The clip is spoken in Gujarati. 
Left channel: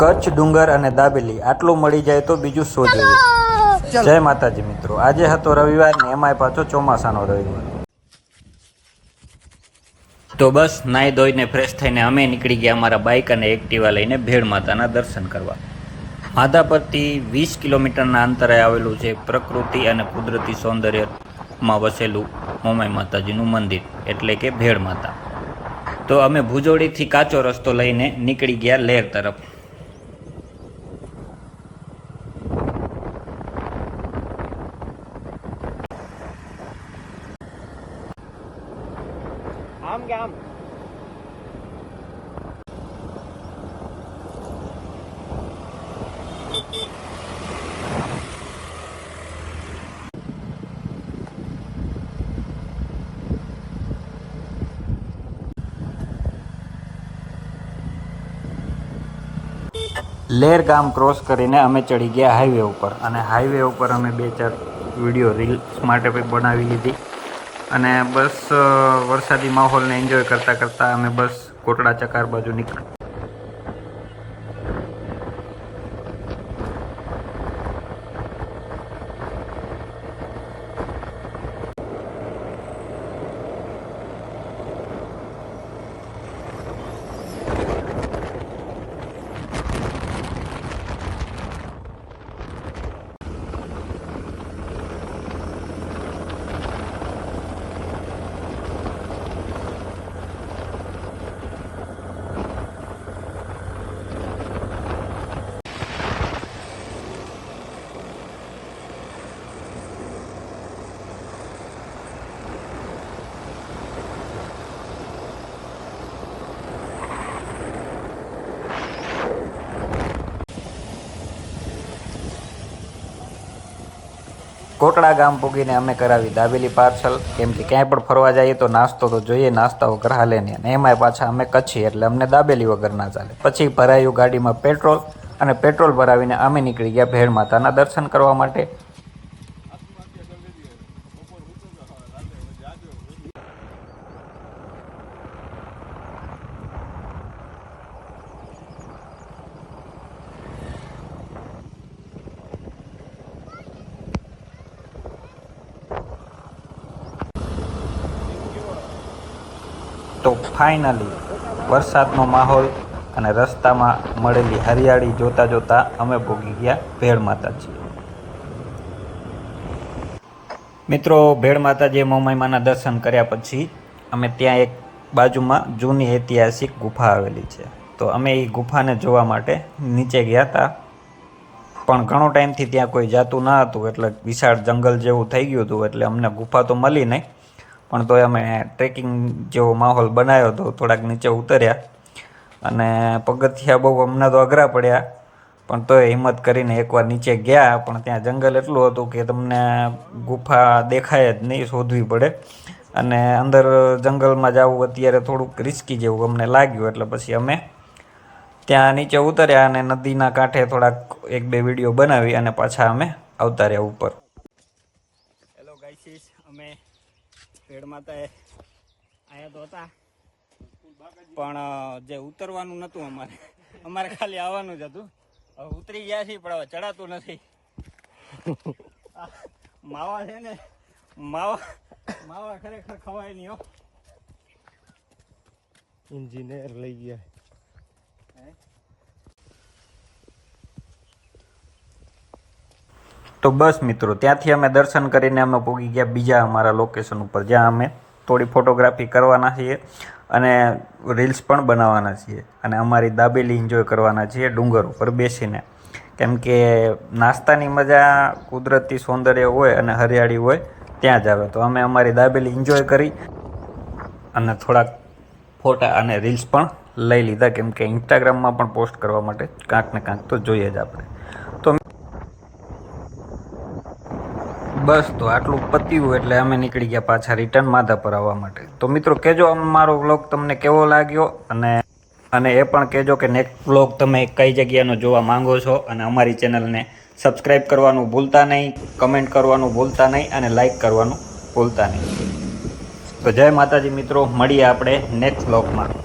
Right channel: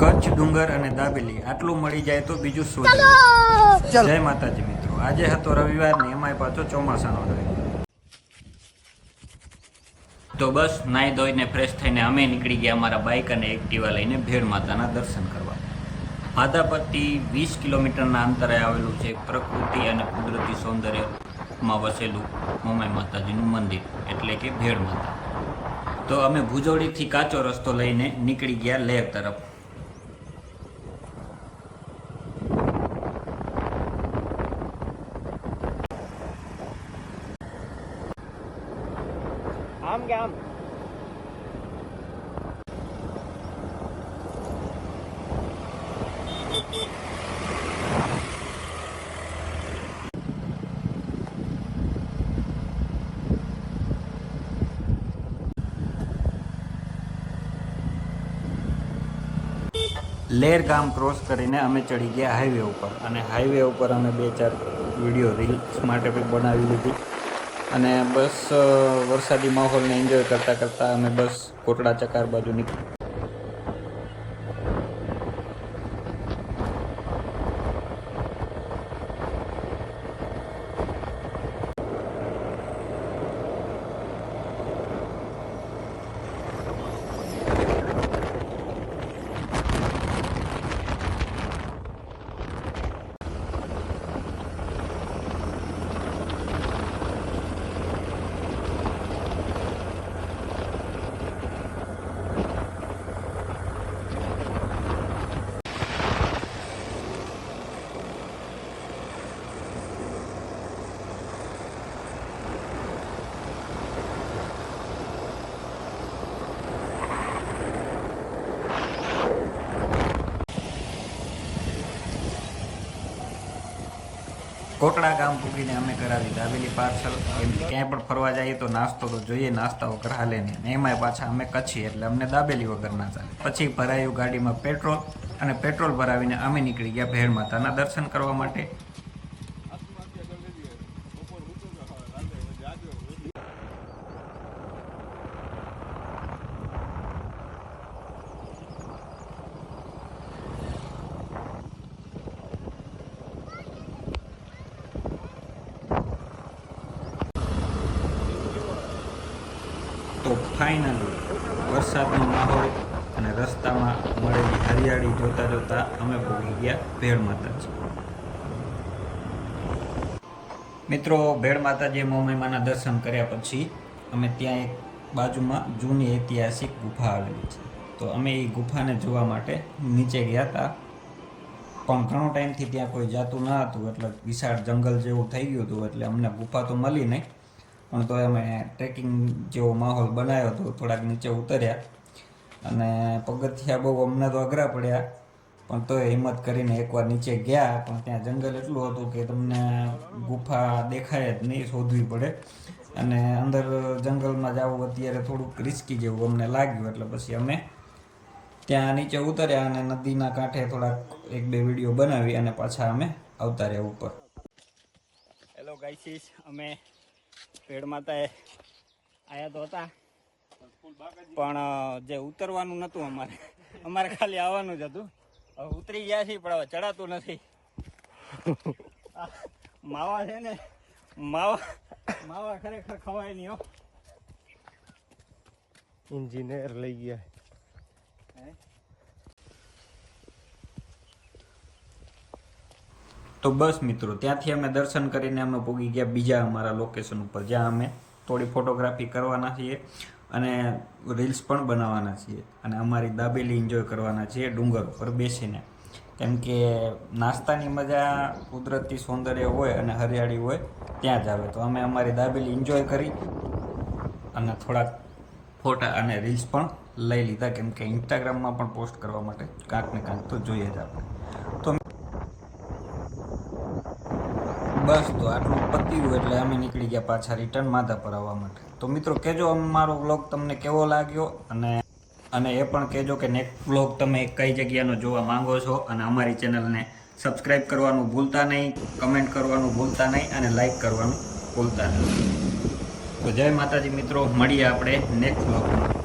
કચ્છ ડુંગર અને દાબેલી આટલું મળી જાય તો બીજું શોધે। જય માતાજી મિત્રો, આજે હતો રવિવાર ને એમાંય પાછો ચોમાસાનો રવિવાર। તો બસ નાઈ ધોઈને ફ્રેશ થઈને અમે નીકળી ગયા અમારા બાઇક અને એક્ટિવા લઈને ભેળ માતાના દર્શન કરવા। માધાપરથી 20 કિલોમીટરના અંતરે આવેલું છે પ્રકૃતિ અને કુદરતી સૌંદર્યમાં વસેલું મોમાઈ માતાજીનું મંદિર એટલે કે ભેળ માતા। તો અમે ભુજોડીથી કાચો રસ્તો લઈને નીકળી ગયા લેર તરફ। આમ કે આમ લેર ગામ ક્રોસ કરીને અમે ચડી ગયા હાઈવે ઉપર અને હાઈવે ઉપર અમે 2-4 વિડીયો રીલ્સ માટે પણ બનાવી લીધી અને બસ વરસાદી માહોલને એન્જોય કરતાં કરતાં અમે બસ કોટડા ચકાર બાજુ નીકળ્યા। કોટડા ગામ પૂગીને અમે કરાવી દાબેલી પાર્સલ, કેમ કે ક્યાંય પણ ફરવા જઈએ તો નાસ્તો તો જોઈએ, નાસ્તા વગર હાલે નહીં અને એમાંય પાછા અમે કચ્છી એટલે અમને દાબેલી વગર ના ચાલે। પછી ભરાયું ગાડીમાં પેટ્રોલ અને પેટ્રોલ ભરાવીને અમે નીકળી ગયા ભેળ માતાના દર્શન કરવા માટે। તો ફાઇનલી વરસાદનો માહોલ અને રસ્તામાં મળેલી હરિયાળી જોતા જોતા અમે પહોંચી ગયા ભેળ માતાજી। મિત્રો, ભેળ માતાજીએ મોમાઈમાના દર્શન કર્યા પછી અમે ત્યાં એક બાજુમાં જૂની ઐતિહાસિક ગુફા આવેલી છે, તો અમે એ ગુફાને જોવા માટે નીચે ગયા હતા, પણ ઘણો ટાઈમથી ત્યાં કોઈ જાતું ન હતું એટલે વિશાળ જંગલ જેવું થઈ ગયું હતું એટલે અમને ગુફા તો મળી નહીં, પણ તોય અમે ટ્રેકિંગ જેવો માહોલ બનાવ્યો હતો। થોડાક નીચે ઉતર્યા અને પગથિયા બહુ અમને તો અઘરા પડ્યા, પણ તોય હિંમત કરીને એકવાર નીચે ગયા, પણ ત્યાં જંગલ એટલું હતું કે તમને ગુફા દેખાય જ નહીં, શોધવી પડે અને અંદર જંગલમાં જવું અત્યારે થોડુંક રિસ્કી જેવું અમને લાગ્યું એટલે પછી અમે ત્યાં નીચે ઉતર્યા અને નદીના કાંઠે થોડાક 1-2 વિડીયો બનાવી અને પાછા અમે આવતા રહ્યા ઉપર। હેલો ગાઈસીસ, અમે ભેળ માતાએ આયા તો હતા પણ જે ઉતરવાનું નહોતું અમારે ખાલી આવવાનું જ હતું। હવે ઉતરી ગયા છીએ પણ હવે ચડાતું નથી। માવા છે ને, માવા ખરેખર ખવાય નહીં હો। इंजीनियर लई गया। તો બસ મિત્રો, ત્યાંથી અમે દર્શન કરીને અમે પહોંચી ગયા બીજા અમારા લોકેશન ઉપર, જ્યાં અમે થોડી ફોટોગ્રાફી કરવાના છીએ અને રીલ્સ પણ બનાવવાના છીએ અને અમારી દાબેલી એન્જોય કરવાના છીએ ડુંગર ઉપર બેસીને, કેમ કે નાસ્તાની મજા કુદરતી સૌંદર્ય હોય અને હરિયાળી હોય ત્યાં જ આવે। તો અમે અમારી દાબેલી એન્જોય કરી અને થોડાક ફોટા અને રીલ્સ પણ લઈ લીધા, કેમ કે ઇન્સ્ટાગ્રામમાં પણ પોસ્ટ કરવા માટે કાંક ને કાંક તો જોઈએ જ આપણે। તો બસ તો આટલું પત્યું એટલે અમે નીકળી ગયા પાછા રિટર્ન માધાપર આવવા માટે। તો મિત્રો કહેજો અમારો વ્લોગ તમને કેવો લાગ્યો અને એ પણ કહેજો કે નેક્સ્ટ વ્લોગ તમે કઈ જગ્યાનો જોવા માંગો છો અને અમારી ચેનલને સબસ્ક્રાઈબ કરવાનું ભૂલતા નહીં, કમેન્ટ કરવાનું ભૂલતા નહીં અને લાઈક કરવાનું ભૂલતા નહીં। તો જય માતાજી મિત્રો, મળીએ આપણે નેક્સ્ટ વ્લોગમાં।